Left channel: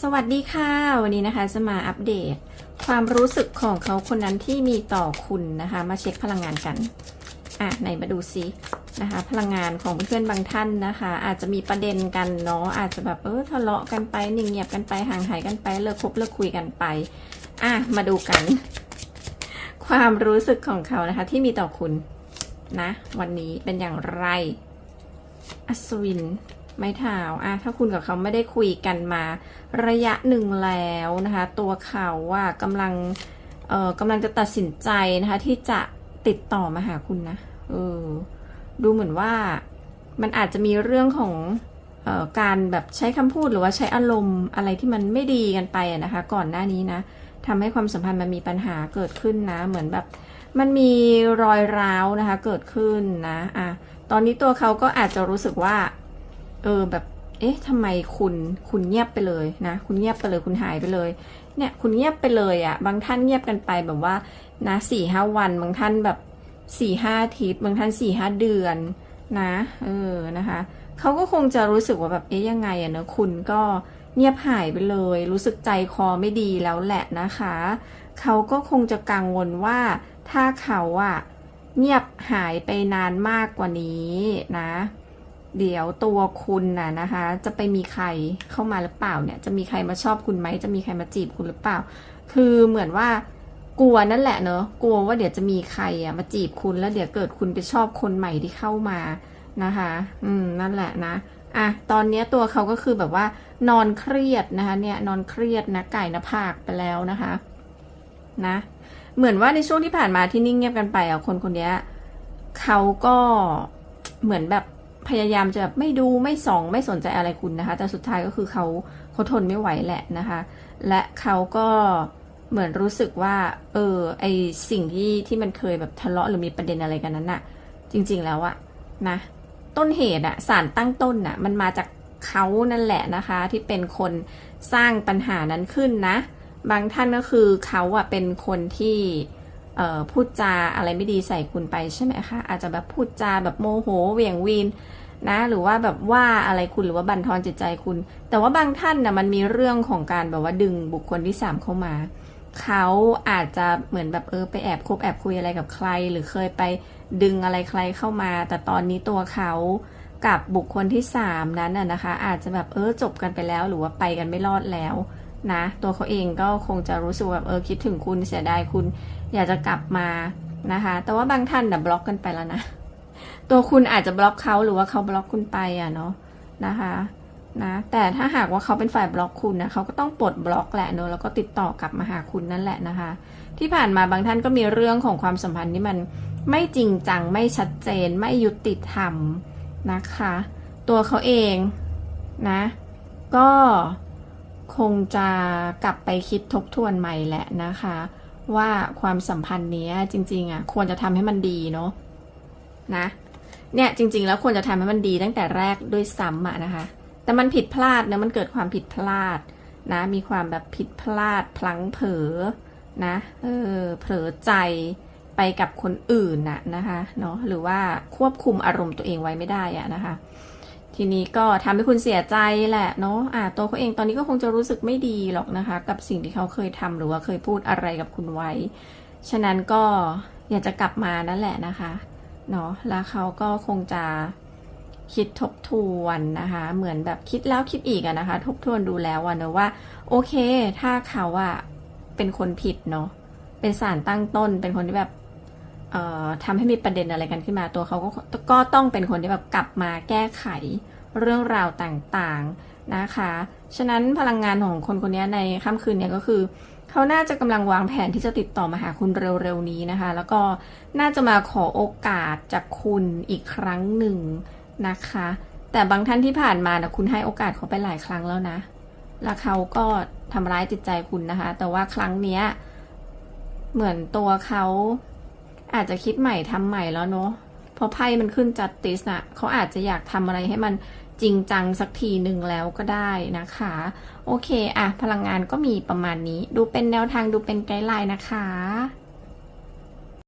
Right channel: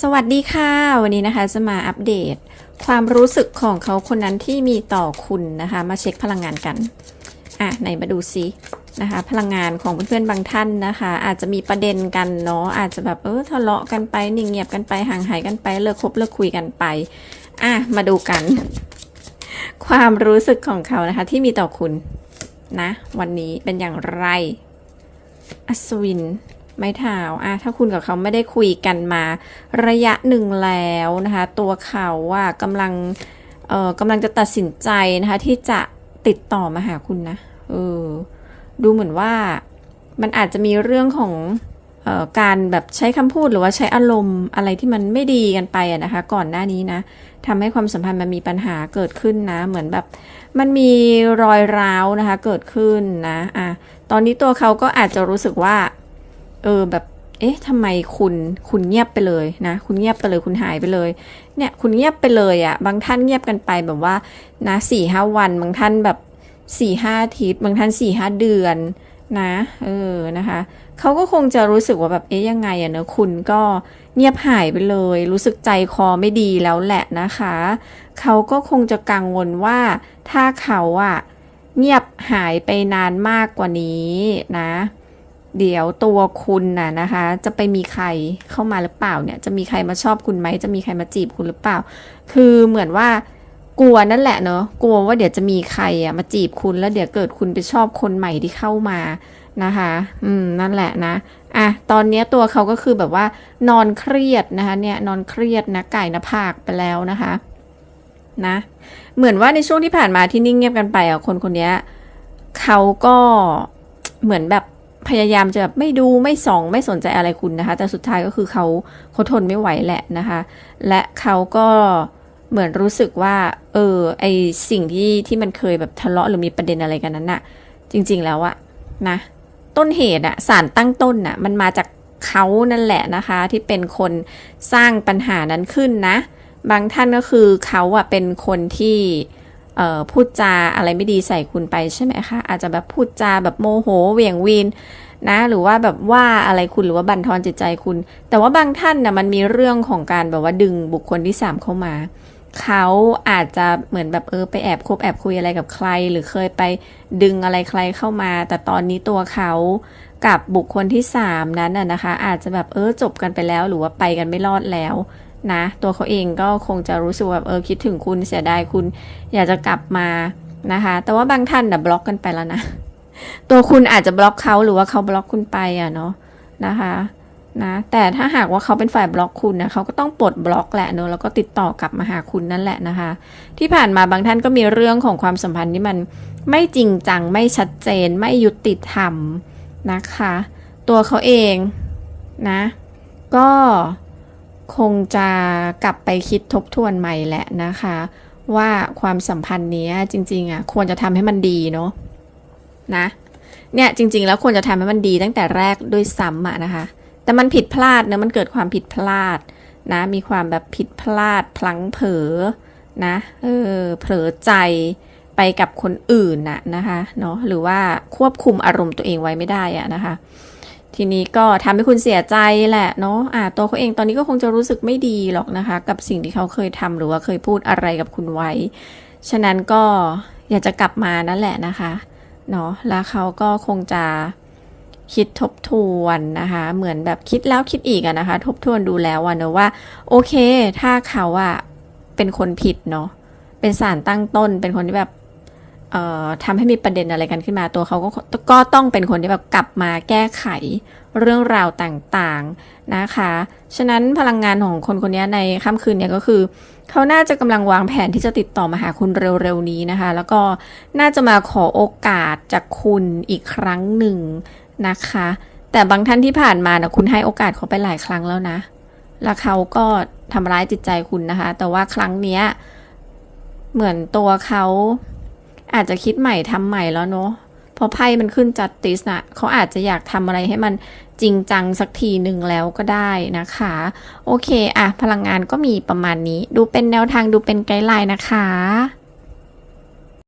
สวัสดีค่ะ วันนี้นะคะจะมาอัปเดต ความรู้สึกของเขาคนนั้นที่มีต่อคุณนะคะ มาเช็คพลังงานกัน อะไหนมาดูซินะคะ พลังงานของเพื่อนๆบางท่านนะคะ อาจจะมีประเด็นกันเนาะอาจจะแบบเออทะเลาะกันไปนิ่งเงียบกันไปห่างหายกันไปเลิกคบเลิกคุยกันไป อะมาดูกัน ความรู้สึกของเขานะคะ ที่มีต่อคุณนะ วันนี้เป็นอย่างไร อัศวิน ไม้เท้าอะถ้าคุณกับเขาไม่ได้คุยกันมา ระยะหนึ่งแล้วนะคะ ตัวเขาอะกำลังเอ่อกำลังจะตัดสินใจนะคะ ที่จะติดต่อมาหาคุณนะเออดูเหมือนว่ามันอาจจะมีเรื่องของเออการแบบใช้คำพูดหรือว่าใช้อารมณ์อะไรที่มันไม่ดีกันไปนะคะ ก่อนหน้านี้นะทำให้ความสัมพันธ์มันมีปัญหาเกิดขึ้นนะ เหมือนแบบมันมีรอยร้าวนะคะ เกิดขึ้นนะอะตอนนี้ตัวเขาก็อาจจะรู้สึกว่า เออแบบ เอ๊ะทำไมคุณคุณเงียบไปเลยนะ คุณเงียบไปเลยคุณหายไปเลย เนี่ยคุณเงียบไปเลยอะ่ะ บางท่านเงียบกันไปแบบว่านะสี่ห้าวัน บางท่านแบบสี่ห้าอาทิตย์บางท่านสี่ห้าเดือนนะเออนะคะเขาก็คงจะรู้สึกว่าแบบเอ๊ะยังไงอะเนอะคุณก็เงียบหายไปเลย รู้สึกใจคอไม่ดีแล้วแหละนะคะเขาก็คงจะกังวลว่าถ้าเขาอะเงียบหายไปนานมากกว่านี้นะ เดี๋ยวตัวคุณน่ะนะคะ จะไปมีใครเข้ามาหรือเปล่าเนี่ย จะมีใครมาชอบคุณไหมจะมีใครมาจีบคุณหรือเปล่า คือเหมือนว่ากลัวนั่นแหละเนอะกลัวว่าเดี๋ยวจะมีใครอะมาจีบคุณแล้วเดี๋ยวเกิดคุณไปชอบคนใหม่ที่เข้ามานะคะ อืมนั่นแหละนะอะตอนนี้ตัวเขาก็คือแบบว่านอนเครียดนะคะ เนี่ยนอนเครียดนะไก่นะผากไปแล้วนะคะนะ เหมือนว่าในช่วงที่ผ่านมาที่นิ่งเงียบกันไปอะคนคนนี้เขาก็เหมือนแบบ พยายามจะแบบไม่ดูไม่ส่องไม่สนใจอะไรคุณนะคะ แต่สุดท้ายก็คือเขาเขาทนไม่ไหวแหละนะคะ และเขาก็เหมือนรู้สึกว่า เออไอสิ่งที่ที่มันเคยแบบทะเลาะหรือมีประเด็นอะไรกันนั้นน่ะ จริง ๆ แล้วอะนะ ต้นเหตุอะสารตั้งต้นน่ะมันมาจากเขานั่นแหละนะคะ ที่เป็นคนสร้างปัญหานั้นขึ้นนะ บางท่านก็คือเขาอะเป็นคนที่ พูดจาอะไรไม่ดีใส่คุณไปใช่ไหมคะอาจจะแบบพูดจาแบบโมโหเหวี่ยงวีนนะหรือว่าแบบว่าอะไรคุณหรือว่าบั่นทอนจิตใจคุณ แต่ว่าบางท่านนะมันมีเรื่องของการแบบว่าดึงบุคคลที่สามเข้ามาเขาอาจจะเหมือนแบบเออไปแอบคบแอบคุยอะไรกับใคร หรือเคยไปดึงอะไรใครเข้ามา แต่ตอนนี้ตัวเขากับบุคคลที่สามนั้นน่ะนะคะ อาจจะแบบเออจบกันไปแล้ว หรือว่าไปกันไม่รอดแล้ว นะ ตัวเขาเองก็คงจะรู้สึกแบบเออคิดถึงคุณเสียดายคุณอยากจะกลับมานะคะ แต่ว่าบางท่านนะบล็อกกันไปแล้วนะ ตัวคุณอาจจะบล็อกเขาหรือว่าเขาบล็อกคุณไปอะเนาะนะคะนะแต่ถ้าหากว่าเขาเป็นฝ่ายบล็อกคุณนะเขาก็ต้องปลดบล็อกแหละเนอะแล้วก็ติดต่อกลับมาหาคุณนั่นแหละนะคะ ที่ผ่านมาบางท่านก็มีเรื่องของความสัมพันธ์ที่มันไม่จริงจังไม่ชัดเจนไม่ยุติธรรมนะคะ ตัวเขาเองนะ ก็ คงจะกลับไปคิดทบทวนใหม่แหละนะคะ ว่าความสัมพันธ์นี้จริงๆอะควรจะทำให้มันดีเนาะนะเนี่ยจริง ๆ แล้วควรจะทำให้มันดีตั้งแต่แรกด้วยซ้ำอะนะคะ แต่มันผิดพลาดเนะมันเกิดความผิดพลาดนะมีความแบบผิดพลาดพลั้งเผลอนะเออเผลอใจไปกับคนอื่นน่ะนะคะเนาะหรือว่าควบคุมอารมณ์ตัวเองไว้ไม่ได้อะนะคะ ทีนี้ก็ทำให้คุณเสียใจแหละเนาะอ่าตัวเขาเองตอนนี้ก็คงจะรู้สึกไม่ดีหรอกนะคะ กับสิ่งที่เขาเคยทำหรือว่าเคยพูดอะไรกับคุณไว้ ฉะนั้นก็อยากจะกลับมานั่นแหละนะคะเนาะแล้วเขาก็คงจะคิดทบทวนนะคะ เหมือนแบบคิดแล้วคิดอีกอะนะคะ ทบทวนดูแล้วอะเนอะว่า โอเค ถ้าเขาอะเป็นคนผิดเนาะเป็นสารตั้งต้น เป็นคนที่แบบ ทำให้มีประเด็นอะไรกันขึ้นมาตัวเขาก็ก็ต้องเป็นคนที่แบบกลับมาแก้ไขเรื่องราวต่างๆนะคะ ฉะนั้นพลังงานของคนคนนี้ในค่ำคืนเนี่ยก็คือเขาน่าจะกำลังวางแผนที่จะติดต่อมาหาคุณเร็วๆนี้นะคะ แล้วก็น่าจะมาขอโอกาสจากคุณอีกครั้งหนึ่งนะคะ แต่บางท่านที่ผ่านมานะคุณให้โอกาสเขาไปหลายครั้งแล้วนะ แล้วเขาก็ทำร้ายจิตใจคุณนะคะ แต่ว่าครั้งเนี้ยเหมือนตัวเขา อาจจะคิดใหม่ทำใหม่แล้วเนาะเพราะไพ่มันขึ้นจัดติสนะเขาอาจจะอยากทำอะไรให้มันจริงจังสักทีหนึ่งแล้วก็ได้นะคะ โอเคอะพลังงานก็มีประมาณนี้ ดูเป็นแนวทางดูเป็นไกด์ไลน์นะคะ